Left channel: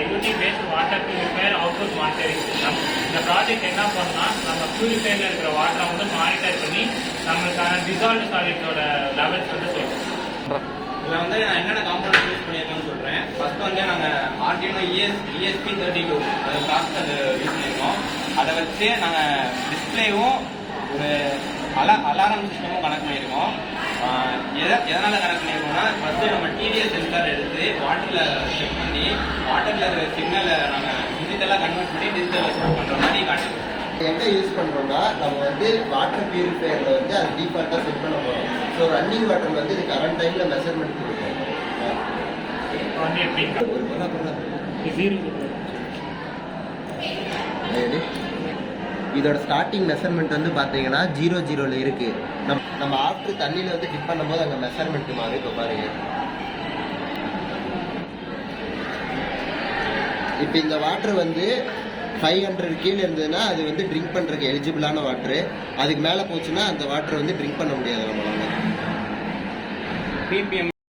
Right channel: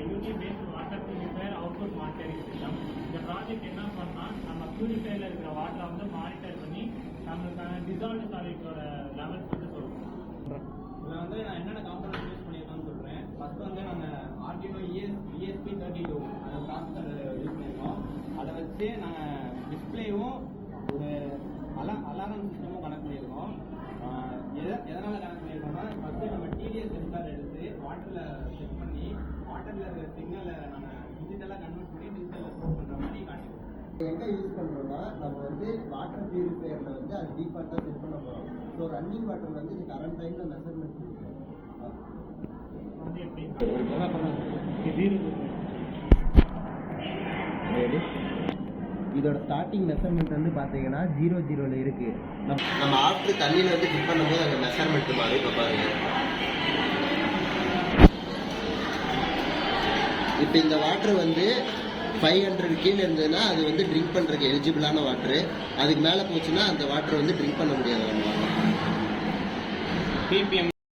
IoT based water purifier output monitoring system. இந்த project என்ன பண்ணா நம்ம பியூரிஃபையர்ல இருக்கிற வாட்டரை வந்து மானிட்டர் பண்ணி நம்மளுக்கான டிசால்வ்டு சாலிட்ஸோட லெவல்ஸ் வந்து சொல்லுவோம். இதில் வந்து நான் என்னென்ன காம்பனன்ட் யூஸ் பண்ணியிருக்கோம்னு சொல்கிறேன். ஃபர்ஸ்ட் வந்து நாங்கள் Arduino ESP32 அது ப்ராசஸர் யூஸ் பண்ணியிருக்கோம். அதை வச்சு நாங்கள் டிஸ்பிளேவும் ஒரு அலாரம் சிஸ்டமும் கனெக்ட் பண்ணியிருக்கோம். எதனால் கனெக்ட் பண்ணியிருக்கோம்னா ஃபஸ்ட்டு நம்ம TDS சென்சார் எடுத்து வாட்டரில் செக் பண்ணி வாட்டரில் இருக்கிற சிக்னலை நாங்கள் டிஜிட்டலாக கன்வெர்ட் பண்ணி டிஜிட்டலில் செட் பண்ணுற மாதிரி காட்டுவோம். எங்கே யூஸ் பண்ணுறோம்னா நம்ம வந்து வாட்டர் பியூரிஃபையரில் வந்து அது டீஃபால்ட்டாக செட் பண்ண போகிறோம். ஸோ ரன்னிங் வாட்டர் வந்து இது கரண்ட் டைமில் மெஷர்மெண்ட் கொடுக்கும். இதோட ஸ்டார்டிங் மெஷர்மெண்ட் வந்து பார்த்தீங்கன்னா 0-0ல் இருக்குது. நம்ம ஆஃப்டர் தண்ணியில் வந்து டிப் பண்ணும்போது அங்கே மெஷர்மெண்ட் மாறும். இப்போ பாருங்க, இப்போ இந்த வாட்டர் வந்து 500 கீழே இருந்ததுன்னா அது வந்து ட்ரிங்க் பண்ணுறதுக்கு எலிஜிபிளான வாட்ரு. அதுக்கு மேலே போச்சுன்னா அந்த வாட்டரை வந்து ட்ரிங்க் பண்ண முடியாது நம்மளால. ppm